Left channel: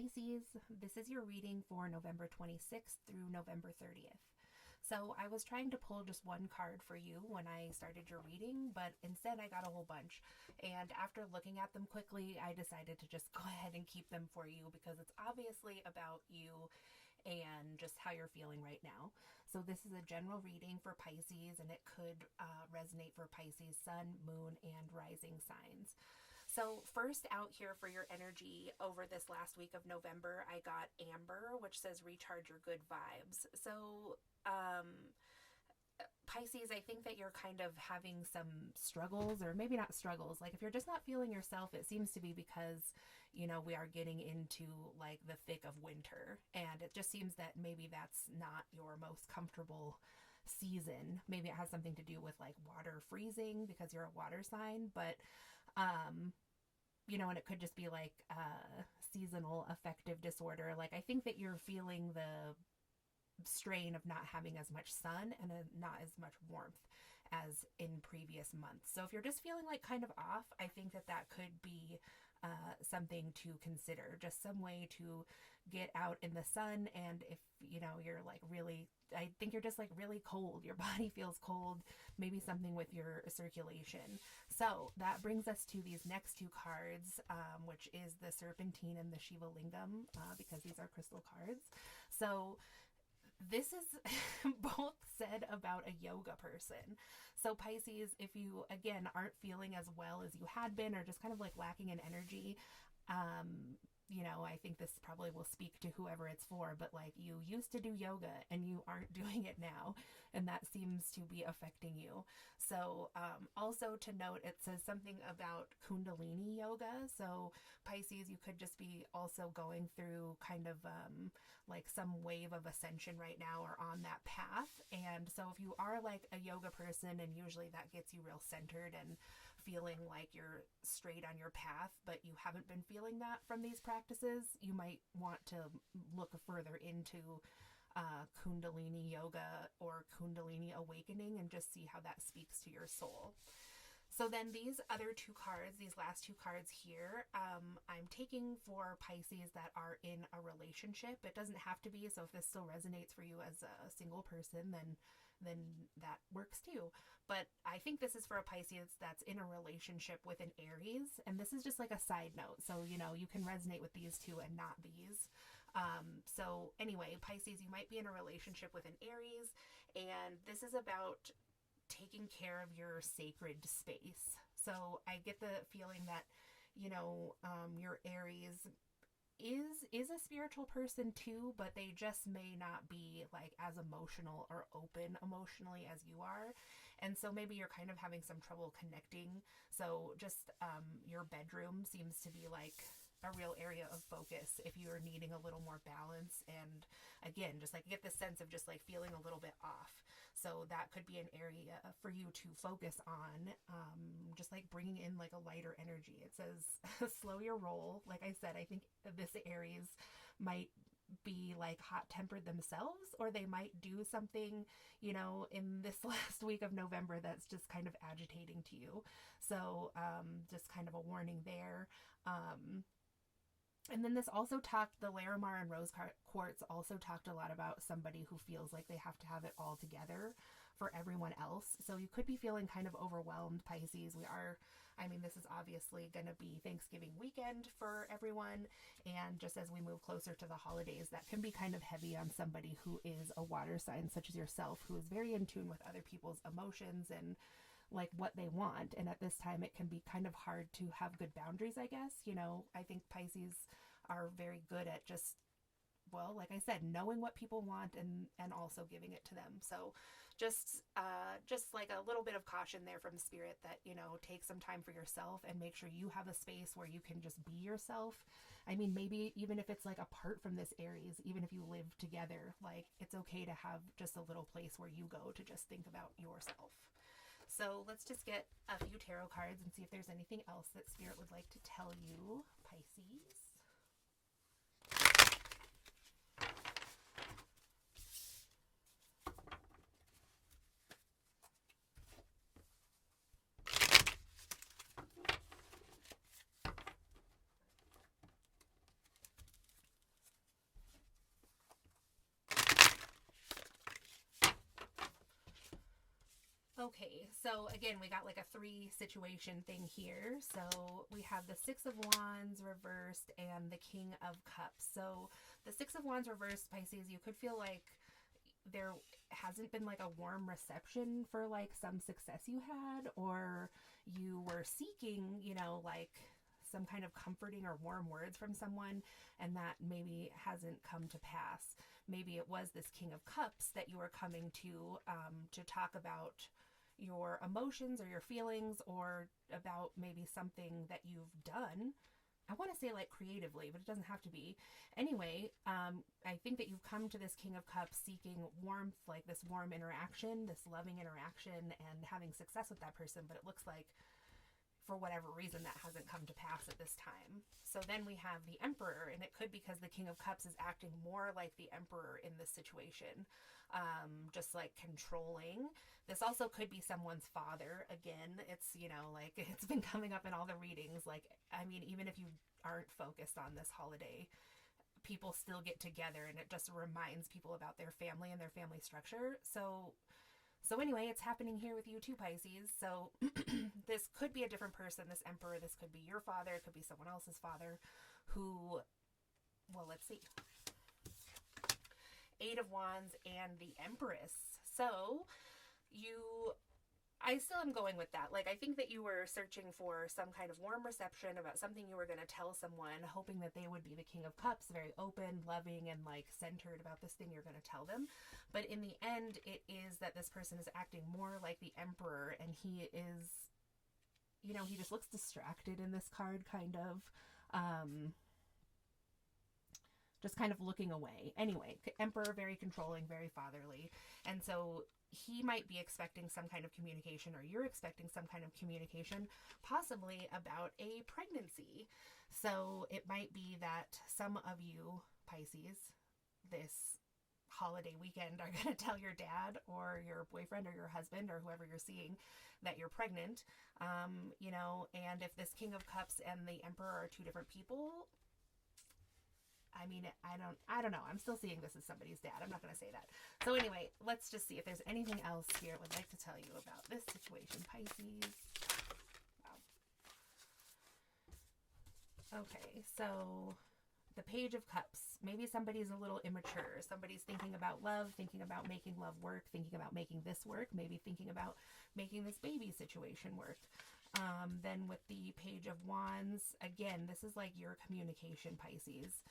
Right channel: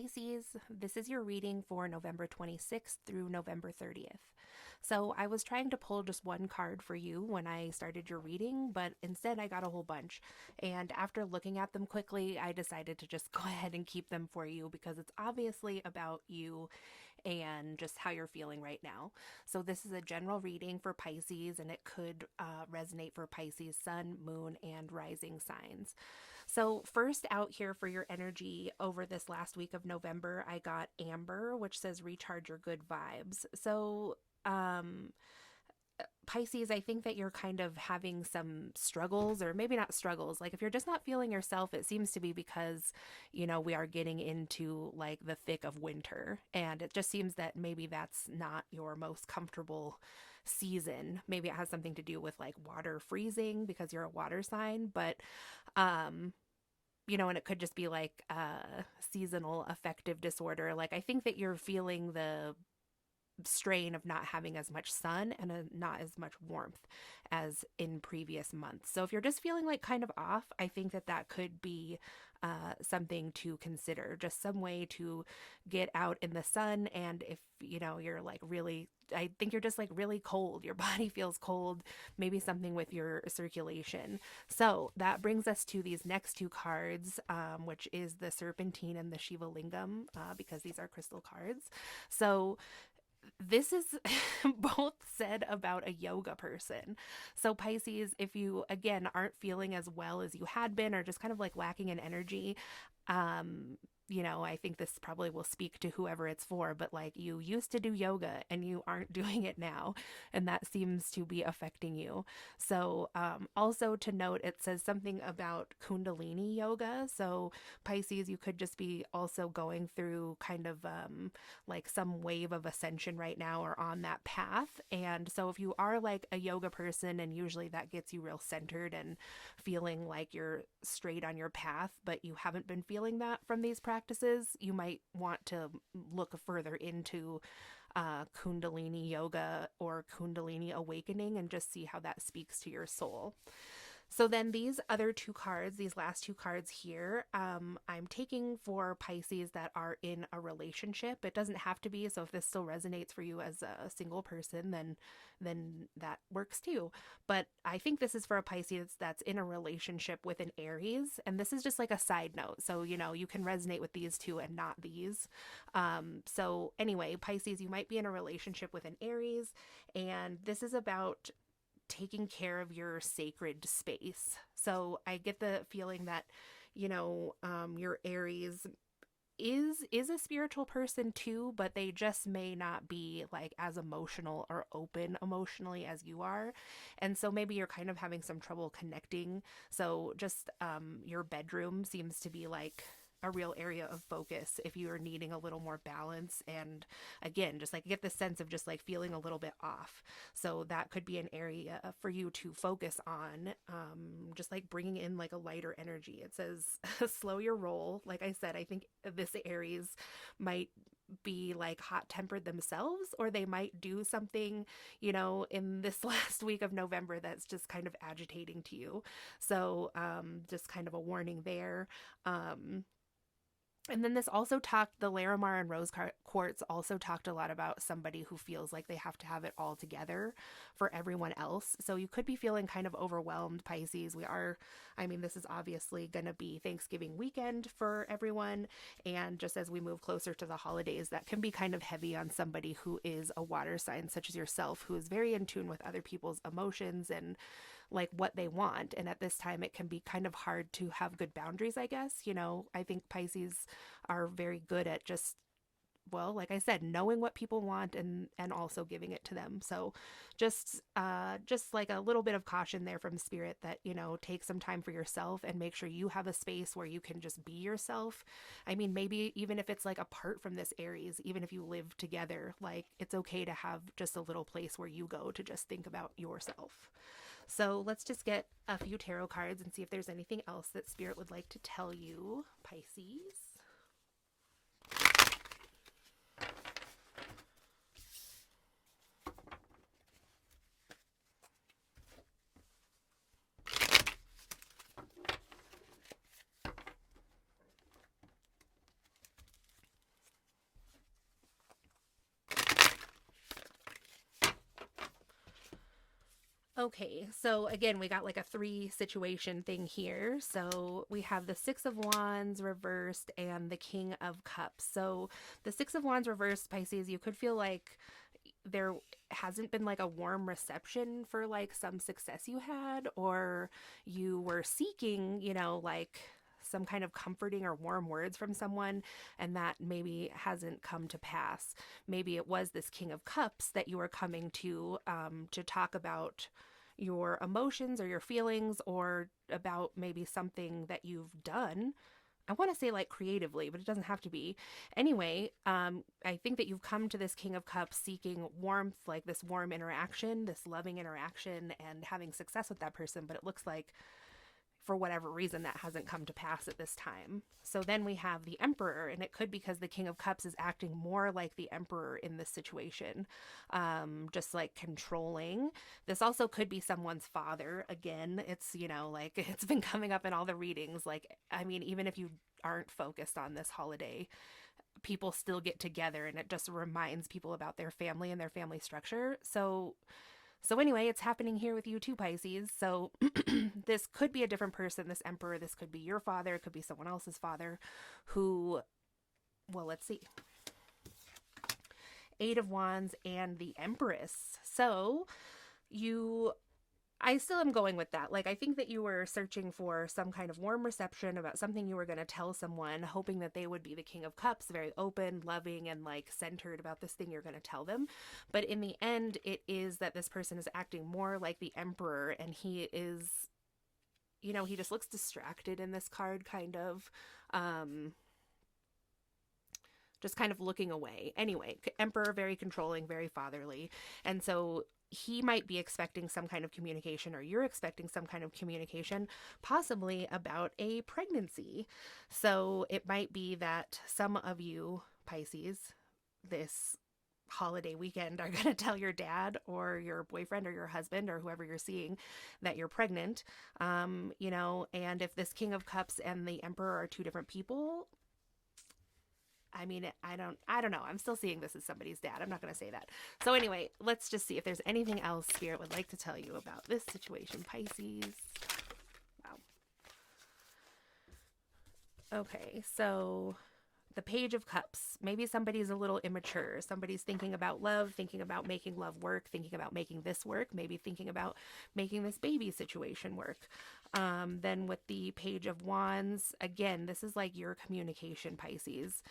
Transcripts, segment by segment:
Pisces, this is your reading for November 26th through November 30th. So I was trying to pull just one card for you when I started your reading, but instead I got a whole bunch. And after looking at them quickly, I decided to just go ahead and keep them for you because it's obviously about you and just how you're feeling right now. So, this is a general reading for Pisces, and it could resonate for Pisces, sun, moon, and rising signs. So, first out here for your energy over this last week of November, I got Amber, which says recharge your good vibes. So, Pisces, I think that you're kind of having some struggles, or maybe not struggles. Like if you're just not feeling yourself, it seems to be because, we are getting into like the thick of winter. And it just seems that maybe that's not your most comfortable season. Maybe it has something to do with like water freezing because you're a water sign. But, and it could just be like seasonal affective disorder. Like I think that you're feeling the strain of not having as much sun and not as much warmth as in previous months. So if you're just feeling like kind of off, I think that that could be something to consider. Just some way to get out in the sun. And if you're like really, I think you're just like really cold, your body feels cold, maybe something with your circulation. So that brings us to these next two cards, which is the Serpentine and the Shiva Lingam, because these are crystal cards. So this is both said about a yoga person. So, Pisces, if you again aren't feeling as well as you had been, or just kind of like lacking in energy, I think this probably will speak to whoever it's for, but like you used to do yoga and you aren't doing it now, and that seems to be affecting you. So, also to note, it says something about Kundalini yoga. So, Pisces, you could just be also going through kind of like some wave of ascension right now or on that path. And so, if you are like a yoga person, and usually that gets you real centered and feeling like you're straight on your path, but you haven't been feeling that from these practices, you might want to look further into Kundalini yoga or Kundalini awakening and just see how that speaks to your soul. So then these other two cards, these last two cards here, I'm taking for Pisces that are in a relationship. It doesn't have to be. So if this still resonates for you as a single person, then that works too. But I think this is for a Pisces that's in a relationship with an Aries. And this is just like a side note. So, you can resonate with these two and not these. So anyway, Pisces, you might be in a relationship with an Aries. And this is about taking care of your sacred space. So I get the feeling that, your Aries is a spiritual person too, but they just may not be like as emotional or open emotionally as you are. And so maybe you're kind of having some trouble connecting. So just your bedroom seems to be like a real area of focus if you are needing a little more balance, and again just like get the sense of just like feeling a little bit off. So that could be an area for you to focus on, just like bringing in like a lighter energy. It says slow your roll. Like I said, I think this Aries might be like hot tempered themselves, or they might do something in this last week of November that's just kind of agitating to you. So just kind of a warning there. And then this also talked, the Larimar and Rose Quartz also talked a lot about somebody who feels like they have to have it all together for everyone else. So you could be feeling kind of overwhelmed, Pisces. This is obviously going to be Thanksgiving weekend for everyone. And just as we move closer to the holidays, that can be kind of heavy on somebody who is a water sign, such as yourself, who is very in tune with other people's emotions and like what they want. And at this time, it can be kind of hard to have good boundaries, I guess. I think Pisces are very good at just, well, like I said, knowing what people want and also giving it to them. So just like a little bit of caution there from spirit that, take some time for yourself and make sure you have a space where you can just be yourself. Maybe even if it's like apart from this Aries, even if you live together, like it's okay to have just a little place where you go to just think about yourself. So let's just get a few tarot cards and see if there's anything else that spirit would like to tell you, Pisces. Okay, so again, we got like a three situation thing here. So we have the Six of Wands reversed and the King of Cups. So the Six of Wands reversed, Pisces, you could feel like there hasn't been like a warm reception for like some success you had, or you were seeking, like some kind of comforting or warm words from someone, and that maybe hasn't come to pass. Maybe it was this King of Cups that you were coming to talk about your emotions or your feelings, or about maybe something that you've done. I want to say like creatively, but it doesn't have to be. Anyway, I think that you've come to this King of Cups seeking warmth, like this warm interaction, this loving interaction, and having success with that person. But it looks like for whatever reason that hasn't come to pass at this time. So then we have the Emperor, and it could be because the King of Cups is acting more like the Emperor in this situation, just like controlling. This also could be someone's father. Again, it's, like it's been coming up in all the readings. Like, I mean, even if you aren't focused on this holiday, people still get together, and it just reminds people about their family and their family structure. So anyway, it's happening here with you too, Pisces. So this could be a different person, this Emperor. This could be your father. It could be someone else's father who, well, let's see. Eight of Wands and the Empress. So I still am going with that. Like, I think that you were searching for some kind of warm reception about something you were going to tell someone, hoping that they would be the King of Cups, very open, loving, and like centered about this thing you're going to tell them. But in the end, it is that this person is acting more like the Emperor, and he is, he just looks distracted in this card, kind of. Just kind of looking away. Anyway, Emperor, very controlling, very fatherly. And so he might be expecting some kind of communication, or you're expecting some kind of communication, possibly about a pregnancy. So it might be that some of you, Pisces, this holiday weekend are going to tell your dad or your boyfriend or your husband or whoever you're seeing that you're pregnant. And if this King of Cups and the Emperor are two different people, I mean, I don't know. I'm still seeing this as somebody's dad. I'm not going to say that. So anyway, let's just see if there's anything else Spirit would like to tell you about this situation, Pisces. Wow. Okay, so the Page of Cups. Maybe somebody's a little immature. Somebody's thinking about love, thinking about making love work, thinking about making this work, maybe thinking about making this baby situation work. Then with the Page of Wands, again, this is like your communication, Pisces,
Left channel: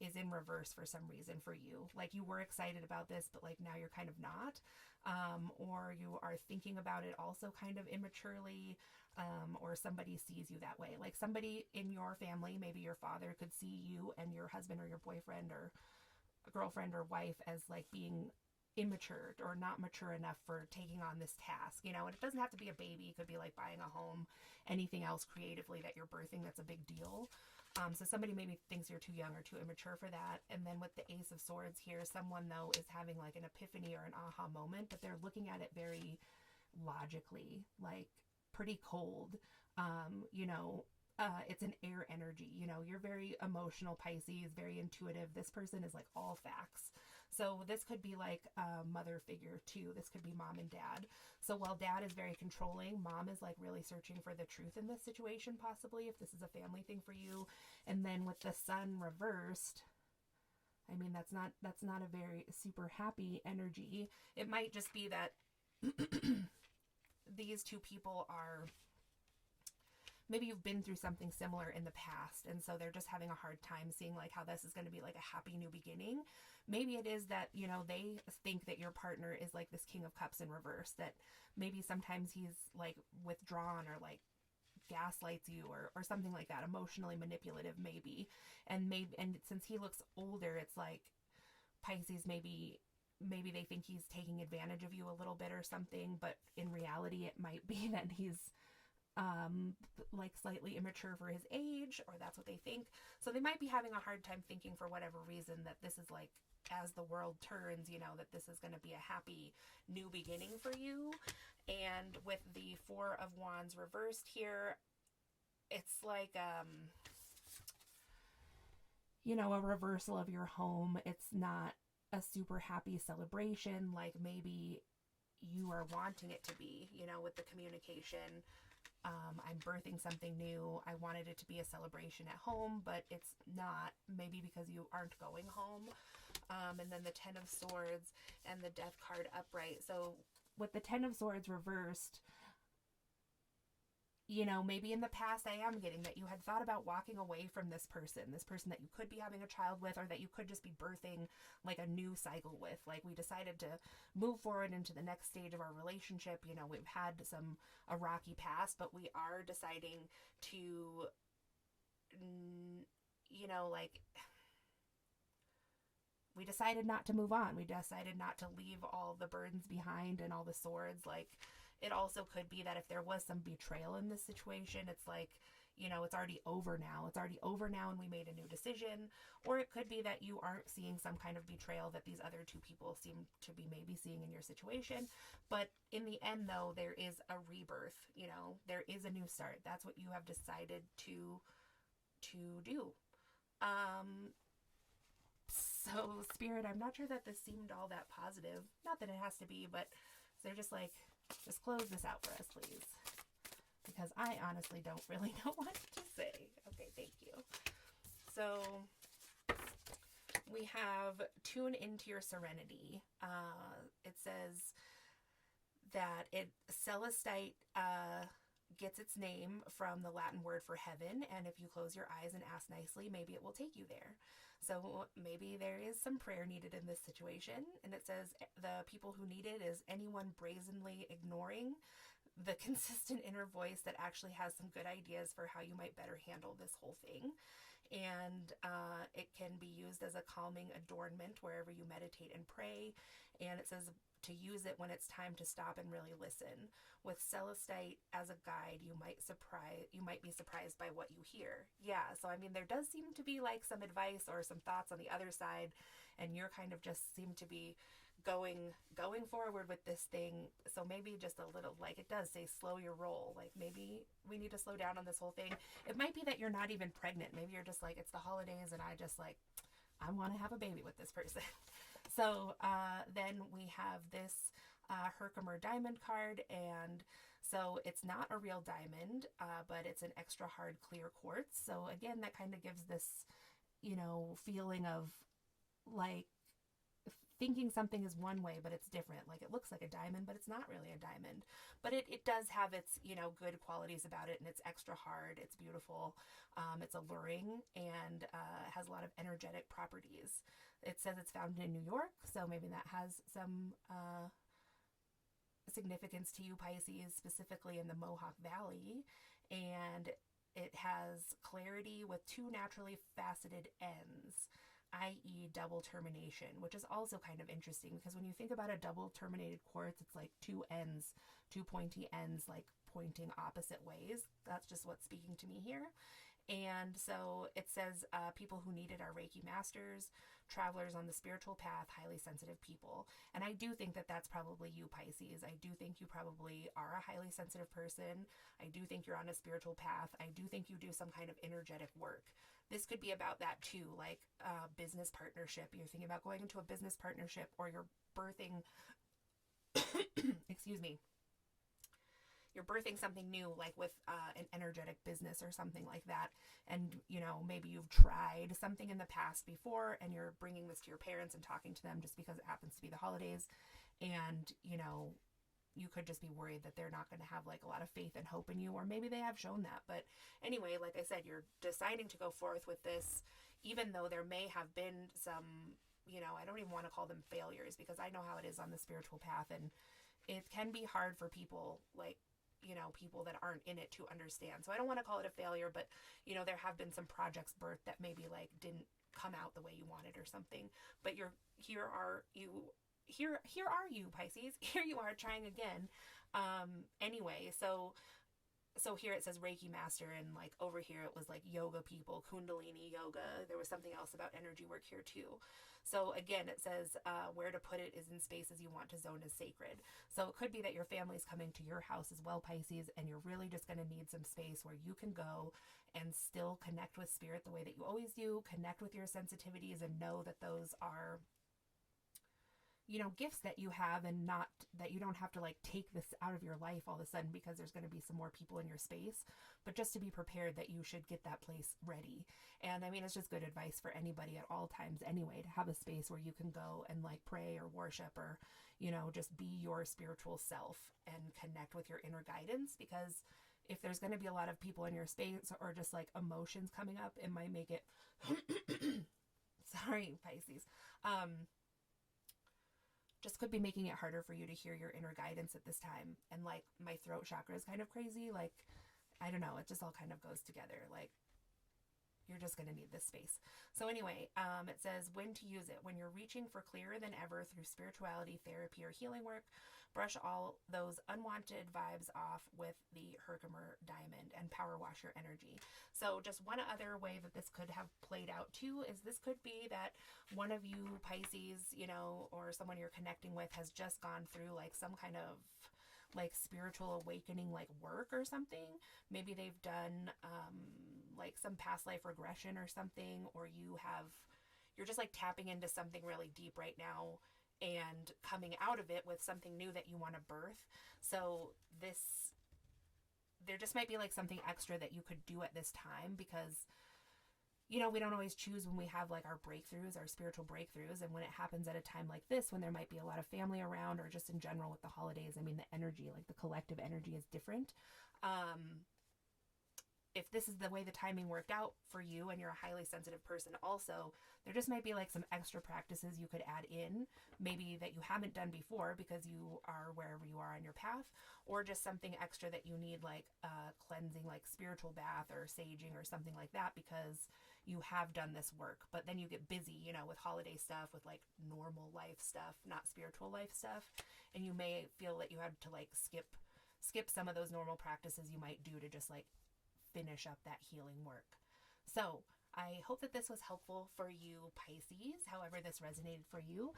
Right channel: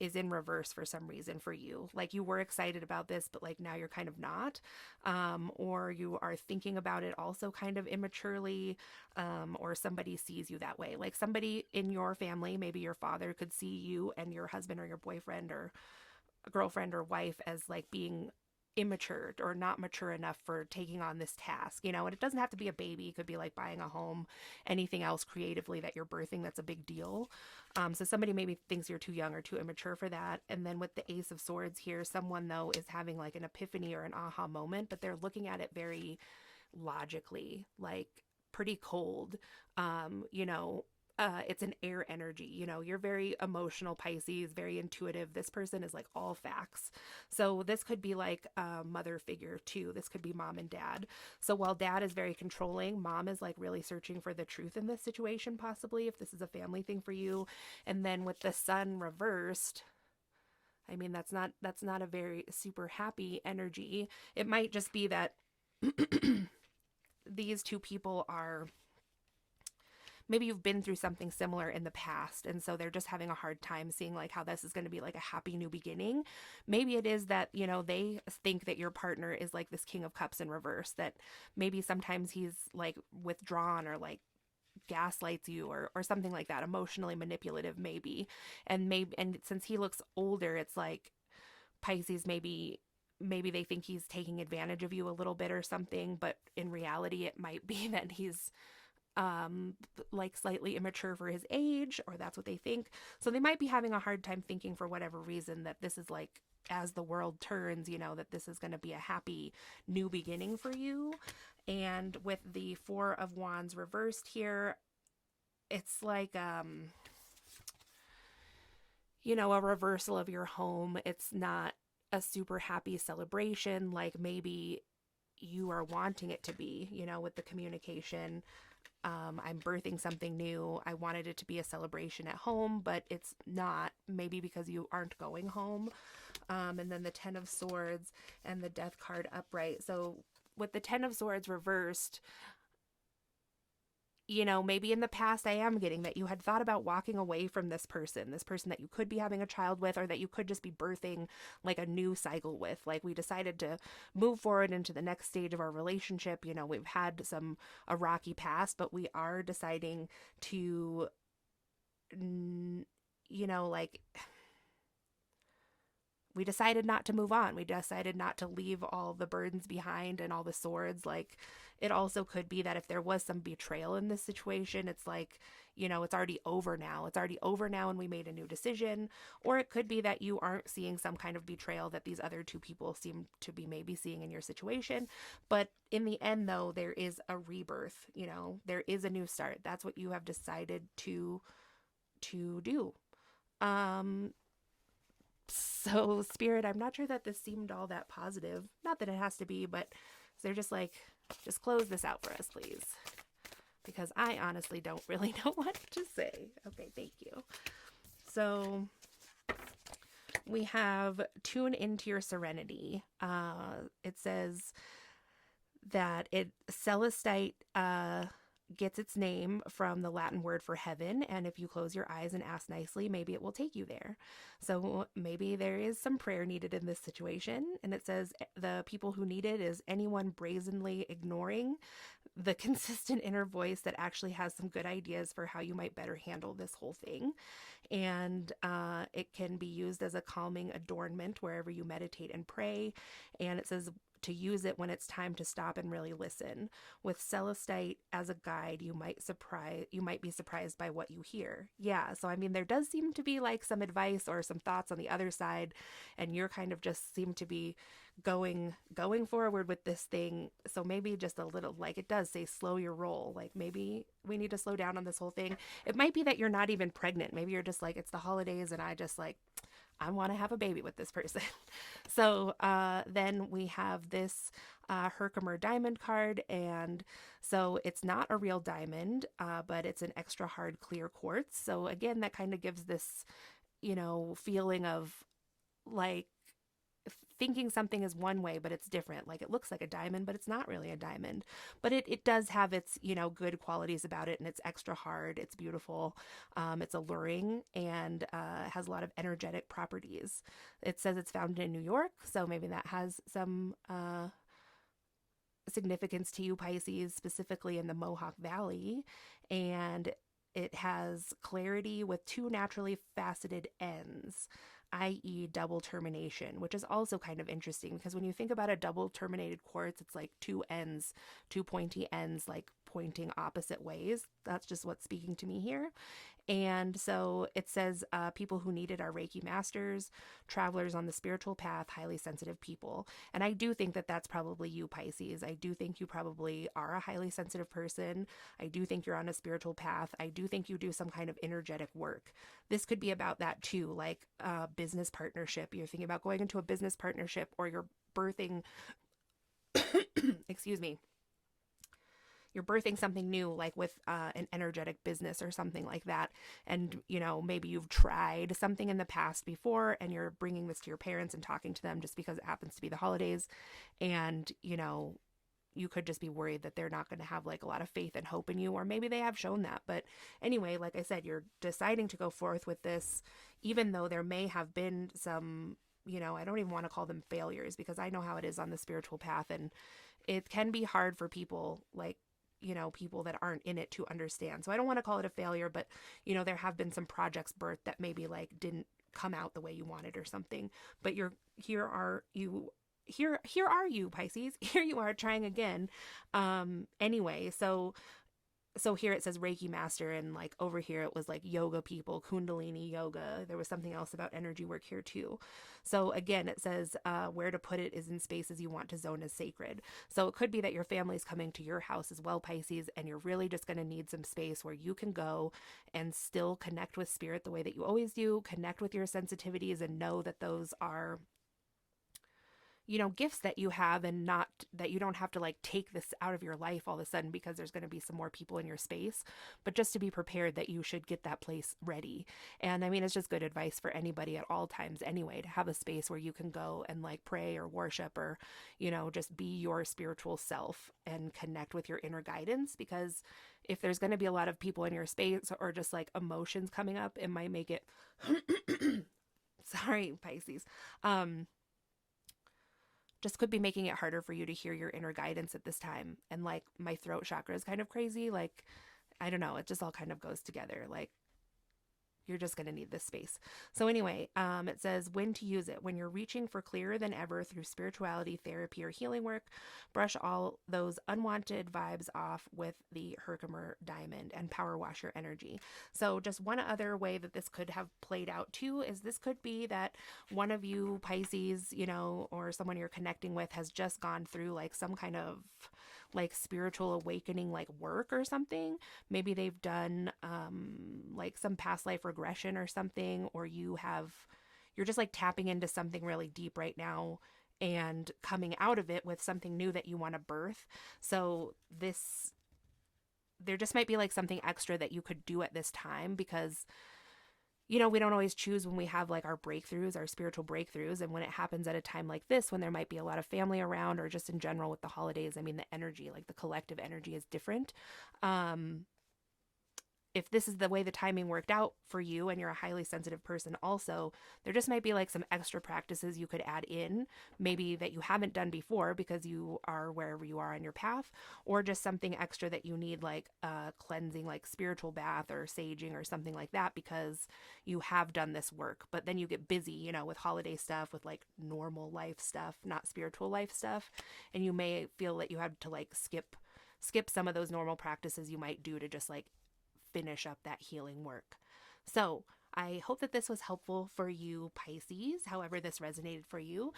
is in reverse for some reason for you. Like, you were excited about this, but like now you're kind of not. Or you are thinking about it also kind of immaturely, or somebody sees you that way. Like, somebody in your family, maybe your father, could see you and your husband or your boyfriend or girlfriend or wife as like being immature or not mature enough for taking on this task, and it doesn't have to be a baby. It could be like buying a home, anything else creatively that you're birthing that's a big deal. So somebody maybe thinks you're too young or too immature for that. And then with the Ace of Swords here, someone though is having like an epiphany or an aha moment, but they're looking at it very logically, like pretty cold. It's an air energy. You're very emotional, Pisces, very intuitive. This person is like all facts. So this could be like a mother figure too. This could be mom and dad. So while dad is very controlling, mom is like really searching for the truth in this situation, possibly, if this is a family thing for you. And then with the Sun reversed, I mean, that's not a very super happy energy. It might just be that these two people are, maybe you've been through something similar in the past, and so they're just having a hard time seeing like how this is going to be like a happy new beginning. Maybe it is that, they think that your partner is like this King of Cups in reverse, that maybe sometimes he's like withdrawn or like gaslights you or something like that, emotionally manipulative maybe. And since he looks older, it's like Pisces, maybe they think he's taking advantage of you a little bit or something, but in reality it might be that he's like slightly immature for his age, or that's what they think. So they might be having a hard time thinking, for whatever reason, that this is like, as the world turns, that this is going to be a happy new beginning for you. And with the Four of Wands reversed here, it's like a reversal of your home. It's not a super happy celebration. Like, maybe you are wanting it to be, you know, with the communication. I'm birthing something new. I wanted it to be a celebration at home, but it's not, maybe because you aren't going home. And then the Ten of Swords and the Death card upright. So with the Ten of Swords reversed, you know, maybe in the past I am getting that you had thought about walking away from this person that you could be having a child with, or that you could just be birthing like a new cycle with. Like, we decided to move forward into the next stage of our relationship. You know, we've had a rocky past, but we are deciding to, you know, like, we decided not to move on. We decided not to leave all the burdens behind and all the swords. Like, it also could be that if there was some betrayal in this situation, it's like, you know, it's already over now. It's already over now and we made a new decision. Or it could be that you aren't seeing some kind of betrayal that these other two people seem to be maybe seeing in your situation. But in the end, though, there is a rebirth, you know, there is a new start. That's what you have decided to do. Um, so, Spirit, I'm not sure that this seemed all that positive. Not that it has to be, but they're just like, just close this out for us, please. Because I honestly don't really know what to say. Okay, thank you. So, we have tune into your serenity. It says that Celestite gets its name from the Latin word for heaven, and if you close your eyes and ask nicely, maybe it will take you there. So maybe there is some prayer needed in this situation, and it says the people who need it is anyone brazenly ignoring the consistent inner voice that actually has some good ideas for how you might better handle this whole thing. And it can be used as a calming adornment wherever you meditate and pray. And it says to use it when it's time to stop and really listen. With Celestite as a guide, you might be surprised by what you hear. Yeah, so I mean, there does seem to be like some advice or some thoughts on the other side, and you're kind of just seem to be going forward with this thing. So maybe just a little, like, it does say slow your roll. Like, maybe we need to slow down on this whole thing. It might be that you're not even pregnant. Maybe you're just like, it's the holidays and I want to have a baby with this person. So then we have this Herkimer diamond card, and so it's not a real diamond, but it's an extra hard clear quartz. So again, that kind of gives this, you know, feeling of like thinking something is one way, but it's different. Like, it looks like a diamond, but it's not really a diamond. But it does have its, you know, good qualities about it, and it's extra hard. It's beautiful. It's alluring, and has a lot of energetic properties. It says it's found in New York, so maybe that has some significance to you, Pisces, specifically in the Mohawk Valley. And it has clarity with two naturally faceted ends, i.e. double termination, which is also kind of interesting because when you think about a double terminated quartz, it's like two ends, two pointy ends, like pointing opposite ways. That's just what's speaking to me here. And so it says people who need it are Reiki masters, travelers on the spiritual path, highly sensitive people. And I do think that that's probably you, Pisces. I do think you probably are a highly sensitive person. I do think you're on a spiritual path. I do think you do some kind of energetic work. This could be about that too, like a business partnership. You're thinking about going into a business partnership, or you're birthing, excuse me, you're birthing something new, like with an energetic business or something like that. And, you know, maybe you've tried something in the past before and you're bringing this to your parents and talking to them just because it happens to be the holidays. And, you know, you could just be worried that they're not going to have like a lot of faith and hope in you, or maybe they have shown that. But anyway, like I said, you're deciding to go forth with this, even though there may have been some, you know, I don't even want to call them failures, because I know how it is on the spiritual path, and it can be hard for people, like, you know, people that aren't in it to understand. So I don't want to call it a failure, but, you know, there have been some projects birthed that maybe like didn't come out the way you wanted or something. But here are you, Pisces. Here you are trying again. Anyway, so here it says Reiki master, and like over here it was like yoga people, Kundalini yoga. There was something else about energy work here too. So again, it says where to put it is in spaces you want to zone as sacred. So it could be that your family's coming to your house as well, Pisces, and you're really just going to need some space where you can go and still connect with spirit the way that you always do, connect with your sensitivities, and know that those are, gifts that you have, and not that you don't have to like take this out of your life all of a sudden because there's going to be some more people in your space, but just to be prepared that you should get that place ready. And I mean, it's just good advice for anybody at all times anyway, to have a space where you can go and like pray or worship, or, just be your spiritual self and connect with your inner guidance. Because if there's going to be a lot of people in your space, or just like emotions coming up, it might make it sorry, Pisces. Just could be making it harder for you to hear your inner guidance at this time. And like my throat chakra is kind of crazy. Like, I don't know, it just all kind of goes together. Like, you're just going to need this space. So anyway, it says when to use it. When you're reaching for clearer than ever through spirituality, therapy, or healing work, brush all those unwanted vibes off with the Herkimer diamond and power wash your energy. So just one other way that this could have played out too is this could be that one of you Pisces, or someone you're connecting with, has just gone through like some kind of like spiritual awakening, like work or something. Maybe they've done like some past life regression or something, or you're just like tapping into something really deep right now and coming out of it with something new that you want to birth. So there just might be like something extra that you could do at this time, because we don't always choose when we have like our breakthroughs, our spiritual breakthroughs. And when it happens at a time like this, when there might be a lot of family around, or just in general with the holidays, I mean, the energy, like the collective energy, is different. If this is the way the timing worked out for you, and you're a highly sensitive person also, there just might be like some extra practices you could add in, maybe that you haven't done before because you are wherever you are on your path, or just something extra that you need, like cleansing, like spiritual bath or saging or something like that, because you have done this work. But then you get busy, with holiday stuff, with like normal life stuff, not spiritual life stuff, and you may feel that you have to like skip some of those normal practices you might do to just like finish up that healing work. So I hope that this was helpful for you, Pisces, however this resonated for you.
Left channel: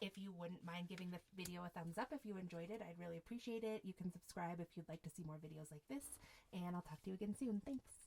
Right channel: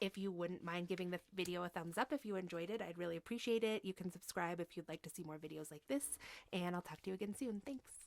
If you wouldn't mind giving the video a thumbs up if you enjoyed it, I'd really appreciate it. You can subscribe if you'd like to see more videos like this, and I'll talk to you again soon. Thanks.